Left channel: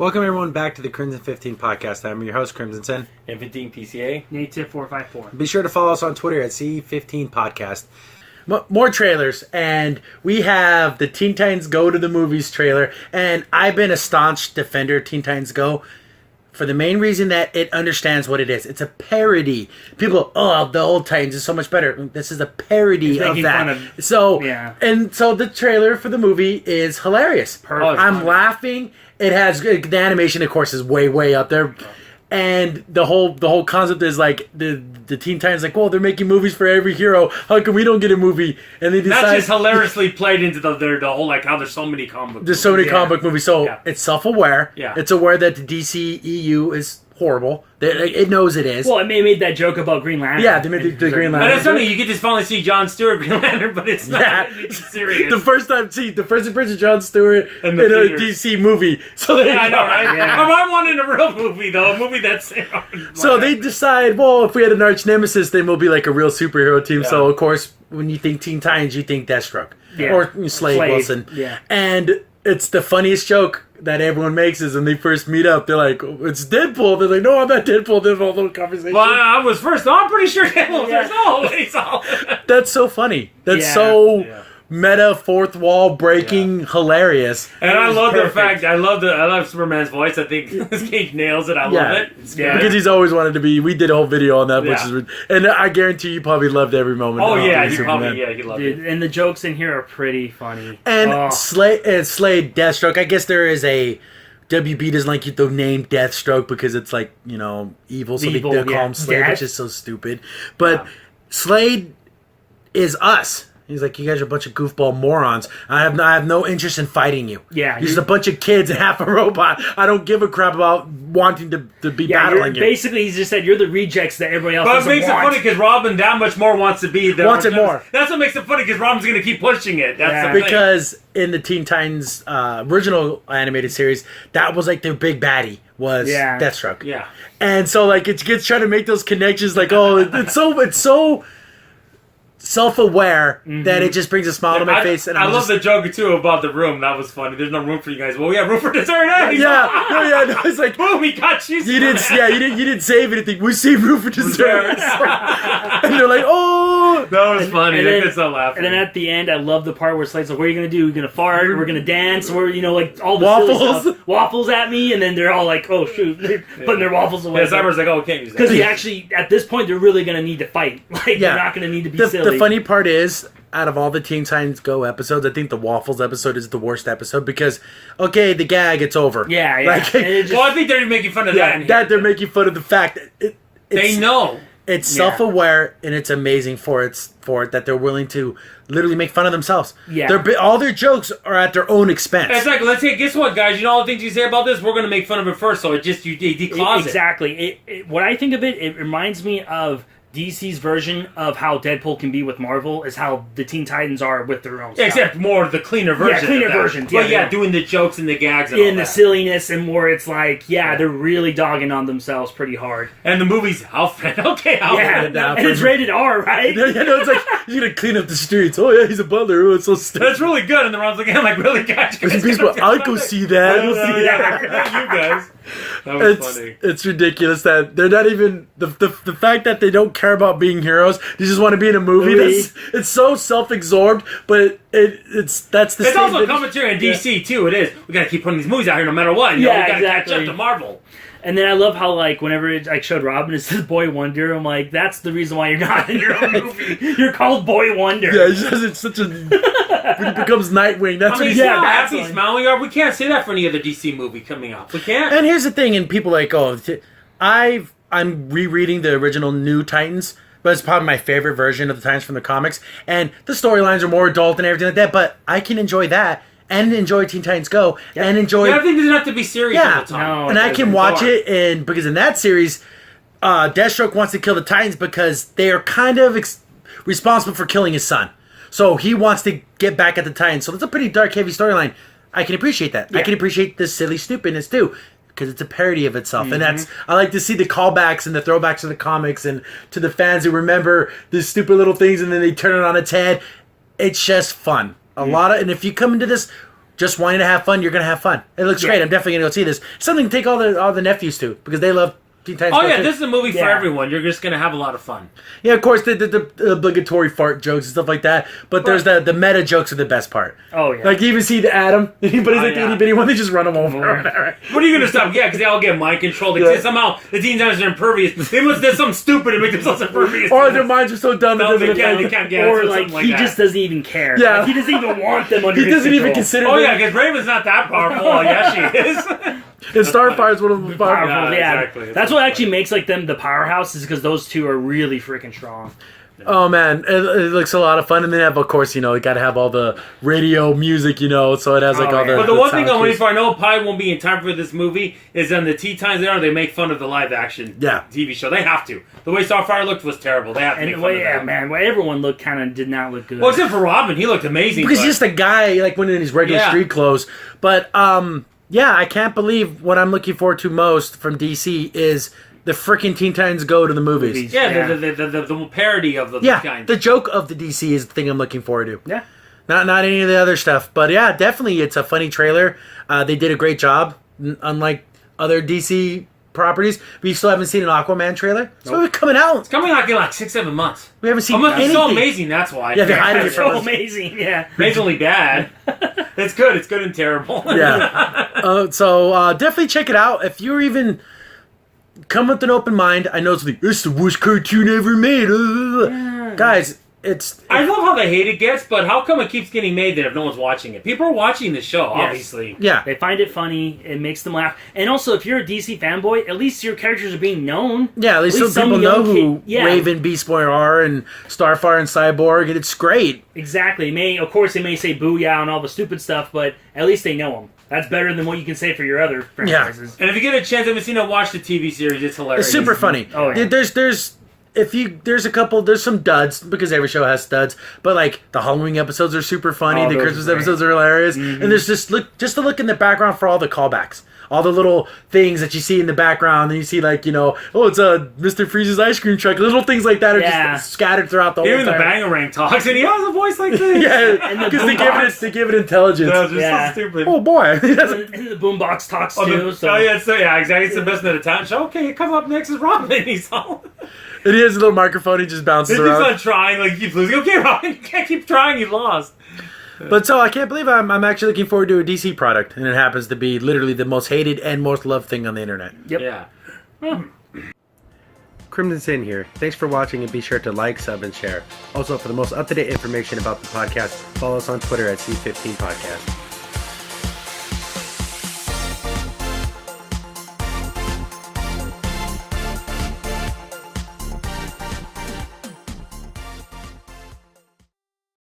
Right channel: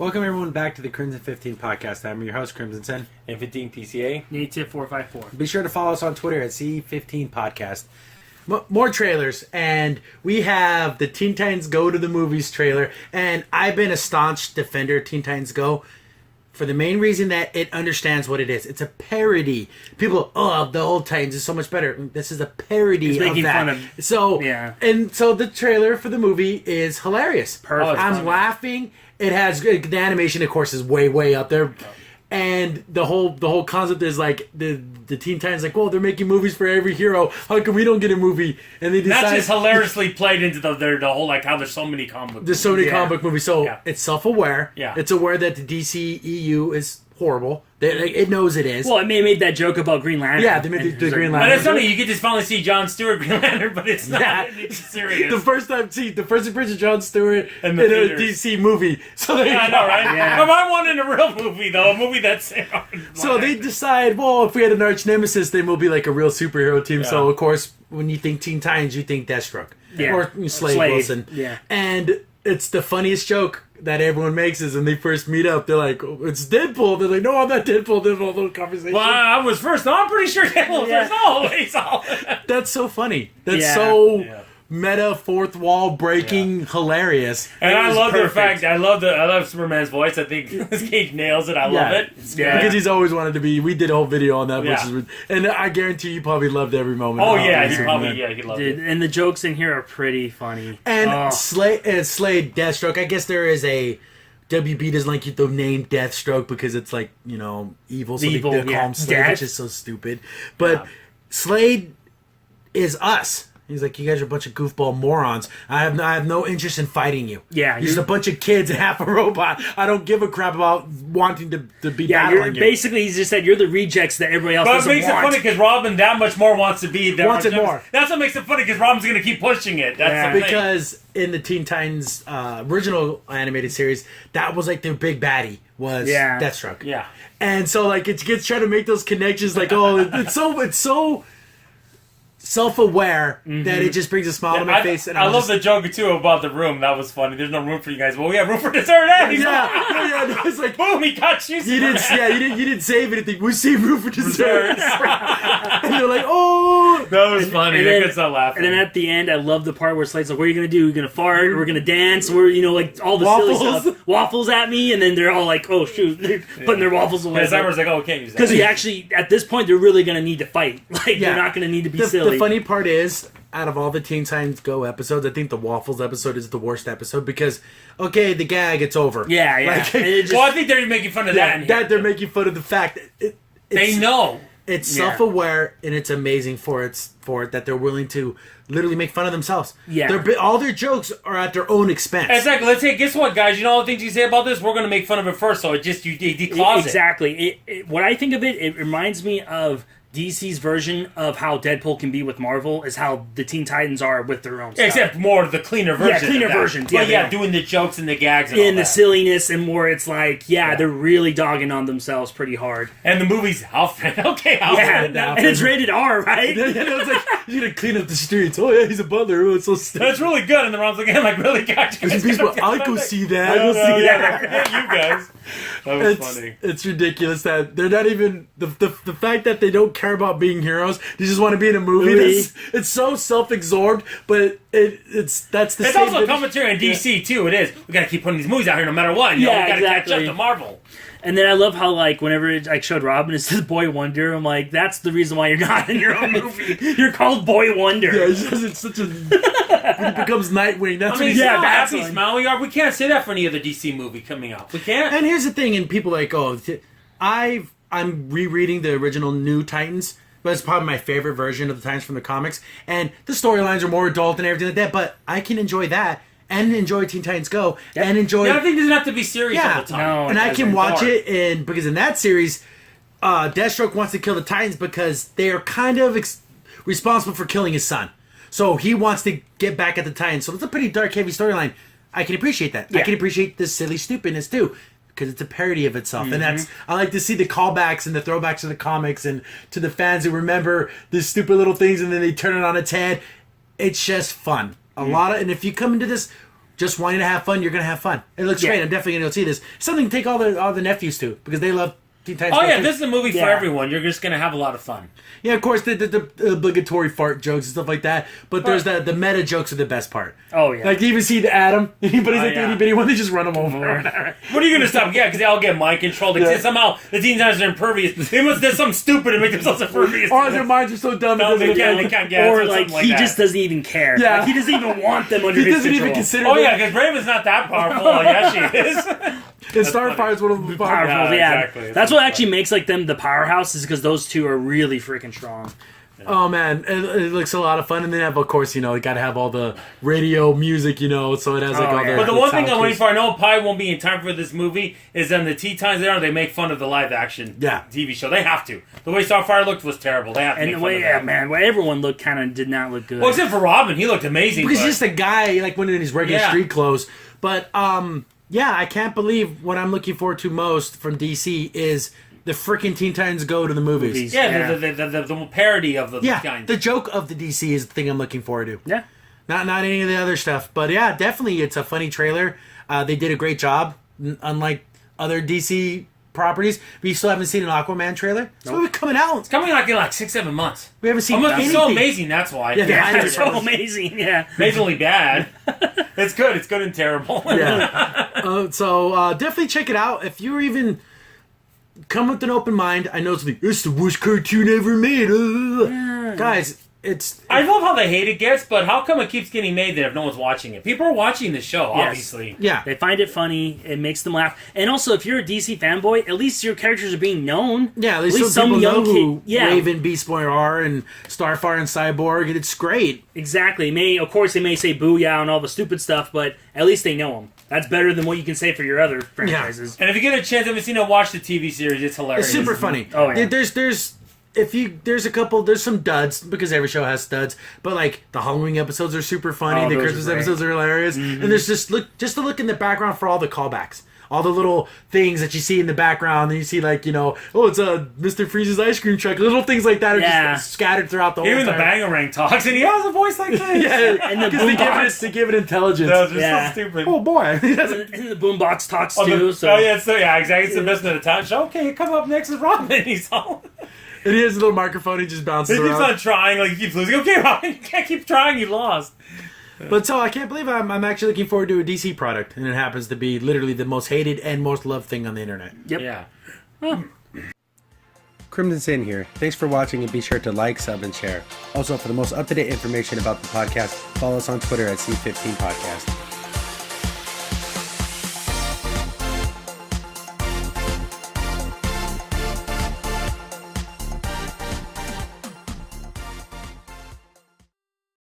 Welcome everyone back to the Crimson 15 podcast. I'm your host, Crimson Sen. And 15 PCA. Native 454. Be sure to follow us on Twitter at C15 Podcast. More trailers, and we have the Teen Titans Go to the Movies trailer, and I've been a staunch defender of Teen Titans Go for the main reason that it understands what it is. It's a parody. People, the old Titans is so much better. This is a parody of that. So the trailer for the movie is hilarious. Perfect. I'm laughing. It has the animation, of course, is way up there, and the whole concept is like the Teen Titans like, well, they're making movies for every hero. How come we don't get a movie? And they decide that's just hilariously played into the whole like how there's so many comic books. There's so many comic book movies, so it's self-aware. Yeah, it's aware that the DCEU is horrible. It knows it is. Well, it made that joke about Green Lantern. Yeah, they made the Green Lantern. But it's funny, you get to finally see John Stewart Green Lantern, but it's not it's serious. The first appearance of John Stewart in a DC movie. So they I know, right? Yeah. But I wanted a real movie, though. A movie that's... So they decide, well, if we had an arch nemesis, then we'll be like a real superhero team. So, of course, when you think Teen Titans, you think Deathstroke. Yeah. Or Slade Wilson. Yeah. And it's the funniest joke that everyone makes is when they first meet up, they're like, oh, it's Deadpool. They're like, no, I'm not Deadpool. There's a little conversation. Well, I was first. No, I'm pretty sure Deadpool was first. No, it's all... That's so funny. That's meta, fourth wall breaking, hilarious. And I love the fact, I love Superman's voice. I think Nicolas Cage nails it. I love it. It's good. Because he's always wanted to be. We did a whole video on that, and I guarantee you probably loved every moment. Oh yeah, he Dude, loved it. And the jokes in here are pretty funny. And Slade, Deathstroke. I guess there is a WB doesn't like the name Deathstroke because it's like evil, so they call him Slade, which is so stupid. But Slade is us. He's like, you guys are a bunch of goofball morons. I have no interest in fighting you. Yeah, you're just a bunch of kids and half a robot. I don't give a crap about wanting to be battling you. Basically, he just said you're the rejects that everybody else doesn't want. But it makes it funny because Robin that much more wants to be there. Wants it more. That's what makes it funny because Robin's going to keep pushing it. That's the because in the Teen Titans original animated series, that was like their big baddie was Deathstroke. Yeah, and so like it gets trying to make those connections. Like it's so self-aware that it just brings a smile to my face. And I love the joke too about the room. That was funny. There's no room for you guys. Well, we have room for dessert. No, it's like boom, he got you. You didn't save anything. We saved room for dessert. And they're like, oh, that was funny. I could stop laughing. And then at the end, I love the part where Slade's like, "What are you gonna do? We're gonna fart. We're gonna dance. We're like all the waffles at me." And then they're all like, "Oh shoot!" They're putting their waffles away. Yeah, Summer's like, "Oh, can't use that." Because you actually, at this point, they're really gonna need to fight. Like they're not gonna need to be silly. The funny part is, out of all the Teen Titans Go episodes, I think the Waffles episode is the worst episode because, the gag, it's over. Yeah. Well, I think they're making fun of that. They're making fun of the fact that they know. It's self-aware, and it's amazing for it that they're willing to literally make fun of themselves. Yeah. All their jokes are at their own expense. Exactly. Let's say, guess what, guys? You know all the things you say about this? We're going to make fun of it first, so it just, you declause it. Exactly. When I think of it, it reminds me of DC's version of how Deadpool can be with Marvel is how the Teen Titans are with their own stuff. Except more the cleaner version. Yeah, cleaner versions. But doing the jokes and the gags and all the silliness and more, it's like, they're really dogging on themselves pretty hard. And the movie's Alfred. Okay, Alfred. Yeah, and it's rated R, right? It's like, he's going to clean up the streets. Oh, yeah, he's a butler. Oh, it's so stupid. That's really good. And the Ron's looking at him like, really, guys? I'll go see that. You guys. That was funny. It's ridiculous that they're not even the fact that they don't care about being heroes. They just want to be in a movie. It's so self-absorbed, but it's also commentary on DC too. It is. We got to keep putting these movies out here no matter what. We got to catch up to Marvel. And then I love how, like, whenever I showed Robin, it says Boy Wonder, I'm like, that's the reason why you're not in your own movie. You're called Boy Wonder. Yeah, it's such a... when he becomes Nightwing, that's what he's... Yeah, happy, smiling. We can't say that for any other DC movie coming out. We can't. And here's the thing, and people are like, I'm rereading the original New Titans, but it's probably my favorite version of the Titans from the comics, and the storylines are more adult and everything like that, but I can enjoy that. And enjoy Teen Titans Go, and enjoy... Yeah, I think it doesn't have to be serious all the time. No, and I can watch it, and because in that series, Deathstroke wants to kill the Titans because they are kind of responsible for killing his son. So he wants to get back at the Titans. So it's a pretty dark, heavy storyline. I can appreciate that. Yeah. I can appreciate the silly stupidness, too, because it's a parody of itself. And I like to see the callbacks and the throwbacks to the comics and to the fans who remember the stupid little things, and then they turn it on its head. It's just fun. And if you come into this just wanting to have fun, you're gonna have fun. It looks great. I'm definitely gonna go see this. Something to take all the nephews to because they love Teen Titans Go. This is a movie for everyone. You're just gonna have a lot of fun. Yeah, of course, the obligatory fart jokes and stuff like that. But there's the meta jokes are the best part. Oh yeah. Like you even see the Adam, but he's like the itty bitty one. They just run him over. What are you gonna stop? Yeah, because they all get mind controlled. Like, somehow the Teen Titans are impervious. They must do something stupid to make themselves impervious. Or their minds are so dumb. They can't get it. Or like he just doesn't even care. Yeah. Like, he doesn't even want them under his He doesn't even control. consider. Oh yeah, because Raven's not that powerful. Yeah, she is. And Starfire is one of the powerful. Yeah, exactly. That's what actually makes like them the powerhouse is because those two are really freaking strong. Oh man, it looks a lot of fun, and then of course you got to have all the radio music, so it has like all the. But the one thing I'm waiting for, I know it probably won't be in time for this movie, is on the Teen Titans there they make fun of the live action TV show. They have to. The way Starfire looked was terrible. They have to make fun of that. Man, well, everyone did not look good. Well, except for Robin, he looked amazing. Because he's just a guy like when in his regular street clothes, but I can't believe what I'm looking forward to most from DC is the freaking Teen Titans Go to the movies. Yeah, the parody of the Teen Titans. The joke of the DC is the thing I'm looking forward to. Yeah. Not any of the other stuff. But yeah, definitely it's a funny trailer. They did a great job, unlike other DC properties. We still haven't seen an Aquaman trailer. So it's coming out. It's coming out in like 6-7 months. We haven't seen anything. It's so amazing, that's why. Yeah, they're hiding it It's from so us. amazing, yeah. Amazingly bad. It's good. It's good and terrible. Yeah. So definitely check it out. If you're even come with an open mind, I know it's the worst cartoon ever made. Guys, I love how the hate it gets, but how come it keeps getting made that if no one's watching it? People are watching the show, obviously. Yeah. They find it funny. It makes them laugh. And also, if you're a DC fanboy, at least your characters are being known. Yeah, at least some people know who Yeah. Raven, Beast Boy are, and Starfire and Cyborg, and it's great. Exactly. Of course, they may say booyah and all the stupid stuff, but at least they know them. That's better than what you can say for your other franchises. And if you get a chance, haven't seen it, watch the TV series. It's hilarious. It's super funny. Oh, yeah. There's some duds because every show has studs, but like the Halloween episodes are super funny, the Christmas episodes are hilarious, and there's just to look in the background for all the callbacks, all the little things that you see in the background, and you see like it's a Mr. Freeze's ice cream truck, little things like that are just scattered throughout the whole Even the time. Bangarang talks, and he has a voice like this. Yeah, because they give it intelligence. That was just so stupid. Oh boy. And the boombox talks too. Exactly. It's the best of the time. So okay, come up next is Robin. He's all. And he has a little microphone. He just bounces He's around. not trying. Like he keeps losing. Okay, Robin, you can't keep trying. You lost. But so I can't believe I'm actually looking forward to a DC product, and it happens to be literally the most hated and most loved thing on the internet. Yep. Yeah. Crimson Sin here. Thanks for watching, and be sure to like, sub, and share. Also, for the most up-to-date information about the podcast, follow us on Twitter at C15 Podcast.